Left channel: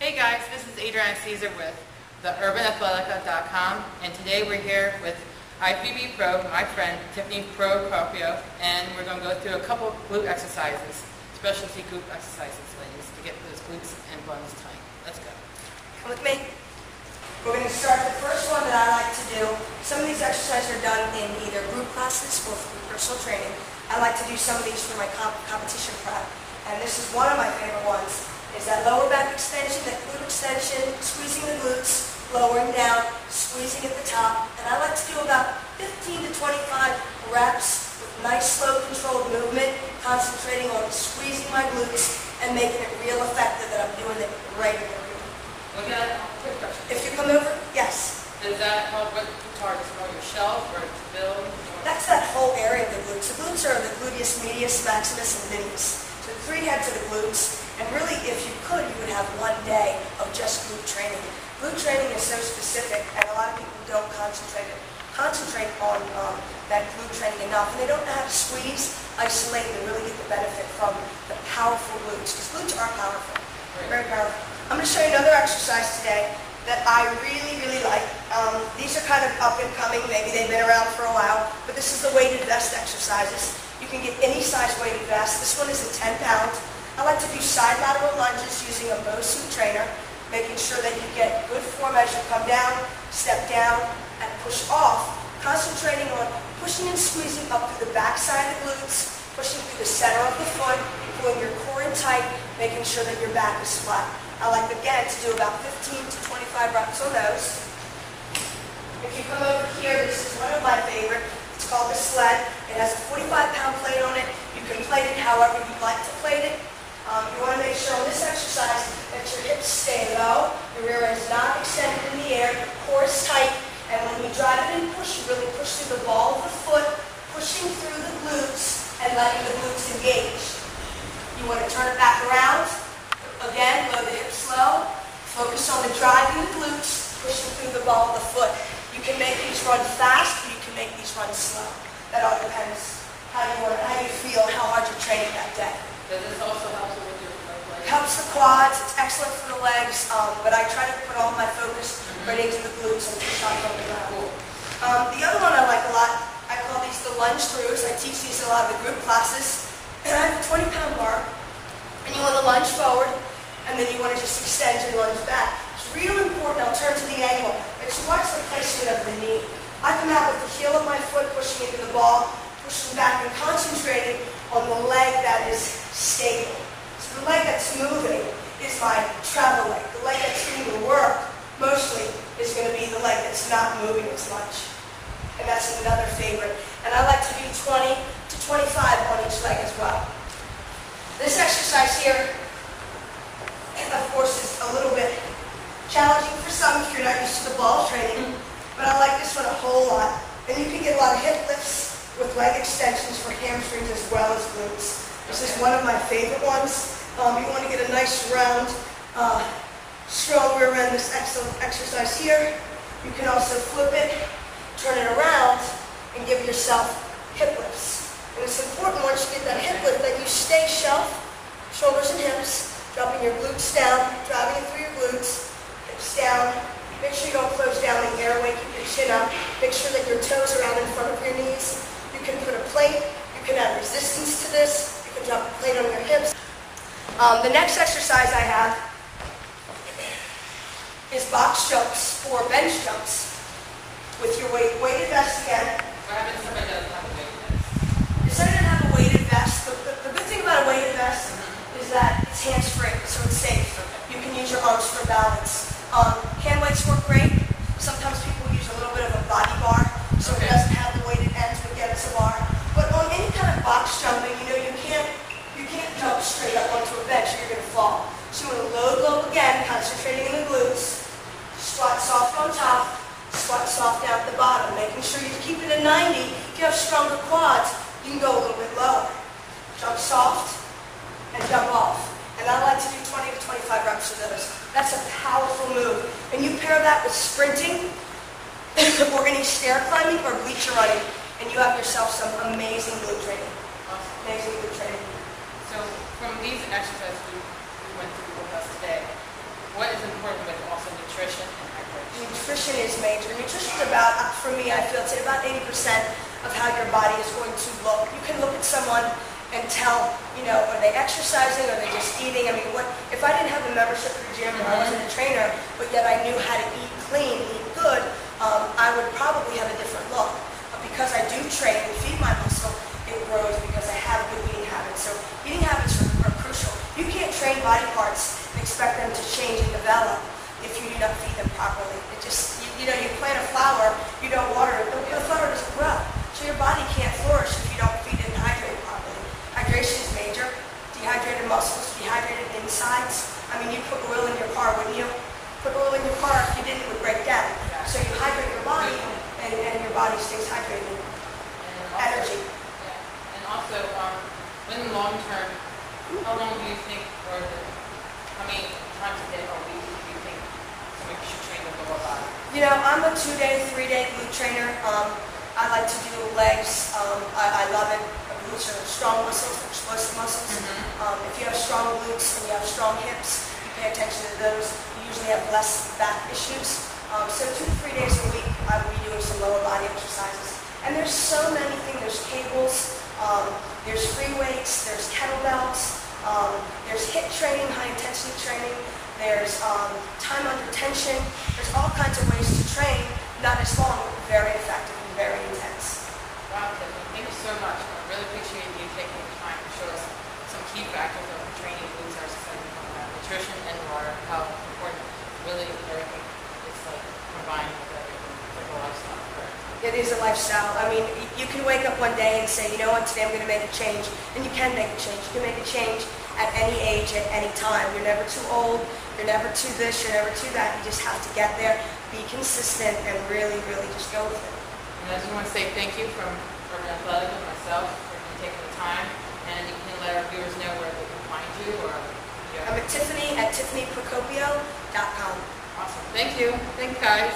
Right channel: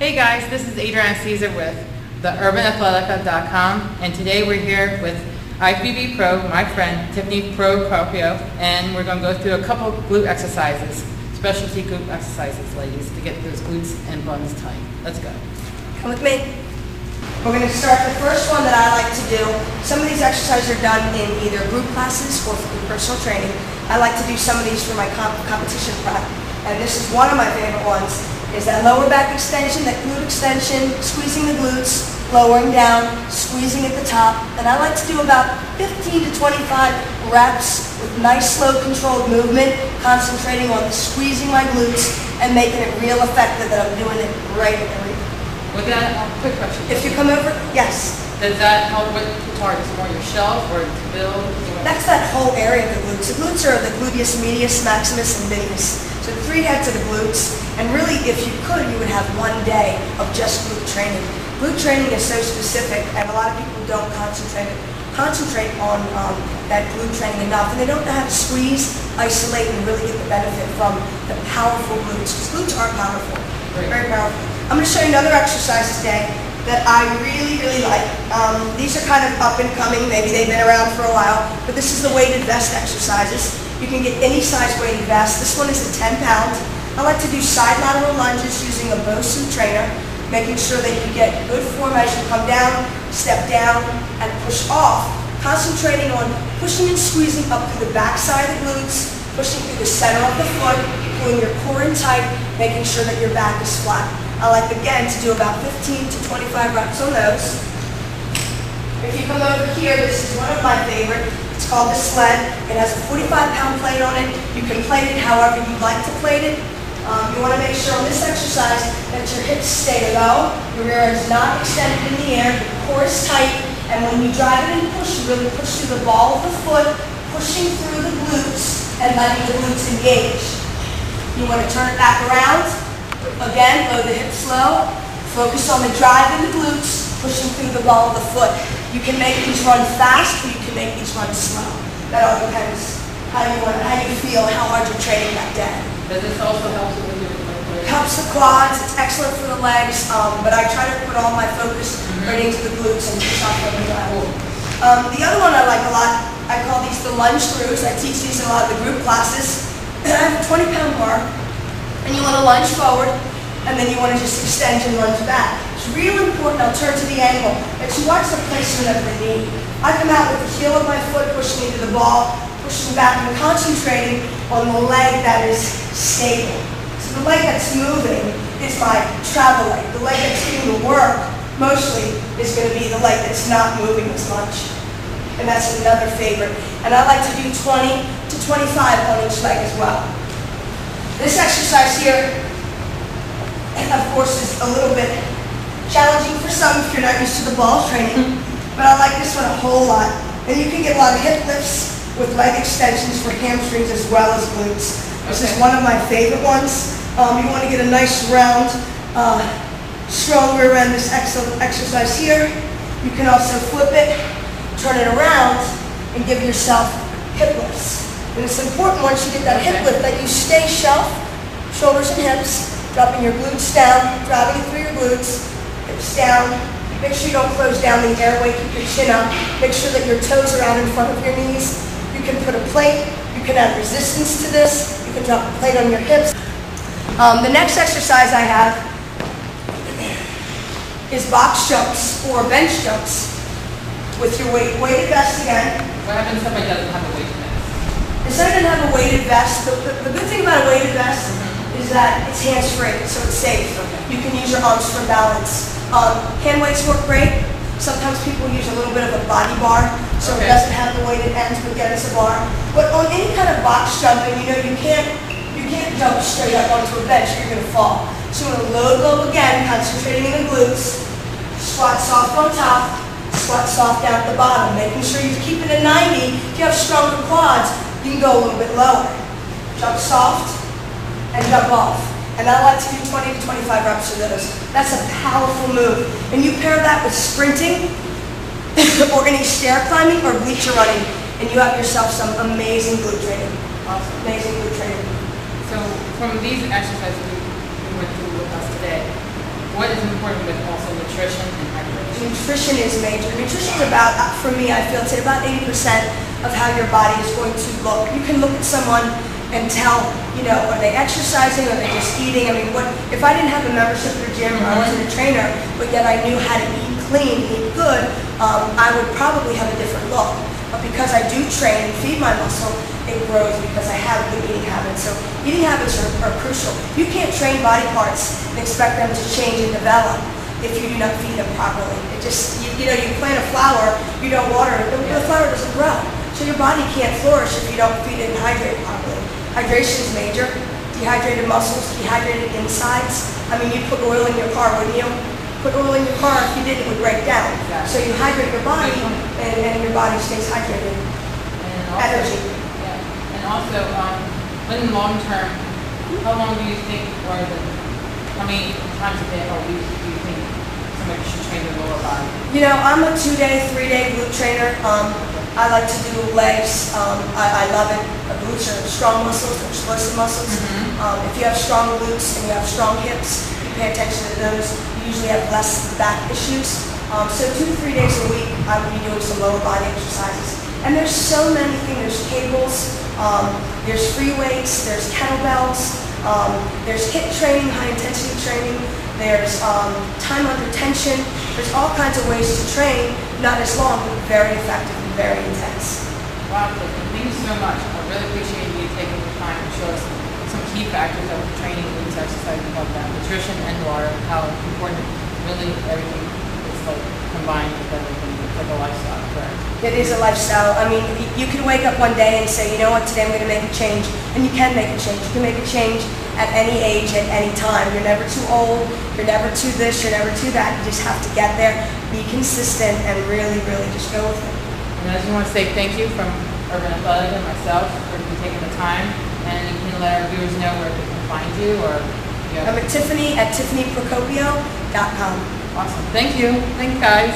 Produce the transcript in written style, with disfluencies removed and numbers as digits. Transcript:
Hey guys, this is Adriana Caesar with theurbanAthletica.com, and today we're here with IFBB Pro, my friend Tiffany Procopio, and we're going to go through a couple glute exercises, specialty glute exercises, ladies, to get those glutes and buns tight. Let's go. Come with me. We're going to start the first one that I like to do. Some of these exercises are done in either group classes or for personal training. I like to do some of these for my competition prep, and this is one of my favorite ones. Is that lower back extension, that glute extension, squeezing the glutes, lowering down, squeezing at the top. And I like to do about 15 to 25 reps with nice, slow, controlled movement, concentrating on squeezing my glutes and making it real effective that I'm doing it right in the ring. With that, quick question. If you come over, yes. Does that help with targets more your shelf or to build? That's that whole area of the glutes. The glutes are the gluteus medius, maximus, and minimus. So the three heads of the glutes, and really if you could, you would have one day of just glute training. Glute training is so specific, and a lot of people don't concentrate on that glute training enough, and they don't know how to squeeze, isolate, and really get the benefit from the powerful glutes, because glutes are powerful, very powerful. I'm going to show you another exercise today that I really, really like. These are kind of up and coming, maybe they've been around for a while, but this is the weighted vest exercises. You can get any size weighted vest. This one is at 10 pounds. I like to do side lateral lunges using a Bosu trainer, making sure that you get good form as you come down, step down, and push off, concentrating on pushing and squeezing up through the back side of the glutes, pushing through the center of the foot, pulling your core in tight, making sure that your back is flat. I like, again, to do about 15 to 25 reps on those. If you come over here, this is one of my favorite. It's called the sled. It has a 45-pound plate on it. You can plate it however you'd like to plate it. You want to make sure on this exercise that your hips stay low, your rear end is not extended in the air, your core is tight, and when you drive it and push, you really push through the ball of the foot, pushing through the glutes and letting the glutes engage. You want to turn it back around. Again, lower the hips low. Focus on the drive in the glutes, pushing through the ball of the foot. You can make these run fast, or you can make these run slow. That all depends how you feel, how hard you're training that day. Does this also help with your legs? Helps the quads. It's excellent for the legs, but I try to put all my focus right into the glutes and push off from the ground. The other one I like a lot, I call these the lunge throughs. I teach these in a lot of the group classes. And I have a 20-pound bar, and you want to lunge forward, and then you want to just extend and lunge back. It's real important, I'll turn to the angle, that you watch the placement of the knee. I come out with the heel of my foot pushing into the ball, pushing back and concentrating on the leg that is stable. So the leg that's moving is my travel leg. The leg that's getting the work mostly is going to be the leg that's not moving as much. And that's another favorite. And I like to do 20 to 25 on each leg as well. This exercise here, of course, is a little bit challenging for some if you're not used to the ball training, but I like this one a whole lot. And you can get a lot of hip lifts with leg extensions for hamstrings as well as glutes. This is one of my favorite ones. You want to get a nice round, strong rear end, this exercise here. You can also flip it, turn it around, and give yourself hip lifts. And it's important once you get that hip lift that you stay shelf, shoulders and hips, dropping your glutes down, driving it through your glutes, hips down. Make sure you don't close down the airway, keep your chin up. Make sure that your toes are out in front of your knees. You can put a plate, you can add resistance to this, you can drop a plate on your hips. The next exercise I have is box jumps or bench jumps with your weighted vest again. What happens if somebody doesn't have a weighted vest? If somebody doesn't have a weighted vest, the good thing about a weighted vest is that it's hands-free, so it's safe. Okay. You can use your arms for balance. Hand weights work great. Sometimes people use a little bit of a body bar, so it doesn't have the weighted ends, but yet it's a bar. But on any kind of box jumping, you know, you can't jump straight up onto a bench or you're going to fall. So you want to load low again, concentrating in the glutes. Squat soft on top, squat soft down at the bottom, making sure you keep it at 90. If you have stronger quads, you can go a little bit lower. Jump soft and jump off. And I like to do 20 to 25 reps of those. That's a powerful move. And you pair that with sprinting or any stair climbing or bleacher running, and you have yourself some amazing glute training. Awesome. Amazing glute training. So from these exercises we went through with us today, what is important with also nutrition and hydration? Nutrition is major. Nutrition is about, for me, I feel it's about 80% of how your body is going to look. You can look at someone and tell, you know, are they exercising, or are they just eating? I mean, what if I didn't have a membership at a gym, or I wasn't a trainer, but yet I knew how to eat clean, eat good, I would probably have a different look. But because I do train and feed my muscle, it grows because I have good eating habits. So eating habits are crucial. You can't train body parts and expect them to change and develop if you do not feed them properly. It just, you know, you plant a flower, you don't water it, the flower doesn't grow. So your body can't flourish if you don't feed it and hydrate it properly. Hydration is major. Dehydrated muscles, dehydrated insides. I mean, you put oil in your car, wouldn't you? Put oil in your car, if you didn't, it would break down. Exactly. So you hydrate your body, and your body stays hydrated. And also, Energy. Yeah. And also, in the long term, how long do you think, or how many times a day or week do you think somebody should train their lower body? You know, I'm a 2-day, 3-day glute trainer. I like to do legs. I love it. Glutes are strong muscles, they're explosive muscles. If you have strong glutes and you have strong hips, you pay attention to those, you usually have less back issues. So 2 to 3 days a week, I would be doing some lower body exercises. And there's so many things. There's cables, there's free weights, there's kettlebells, there's HIIT training, high intensity training, there's time under tension. There's all kinds of ways to train, not as long, but very effective and very intense. Wow, Tiffany, thank you so much. I really appreciate you taking the time to show us some key factors of training, glutes, exercise, and like that. Nutrition and water, how important really everything is like combined with everything. It's like a lifestyle, correct? It is a lifestyle. I mean, you can wake up one day and say, you know what, today I'm going to make a change. And you can make a change. You can make a change at any age, at any time. You're never too old. You're never too this. You're never too that. You just have to get there, be consistent, and really, really just go with it. And I just want to say thank you from Urban Athletica and myself for you taking the time. And you can let our viewers know where they can find you, or I'm at Tiffany at tiffanyprocopio.com. Awesome. Thank you. Thanks, guys.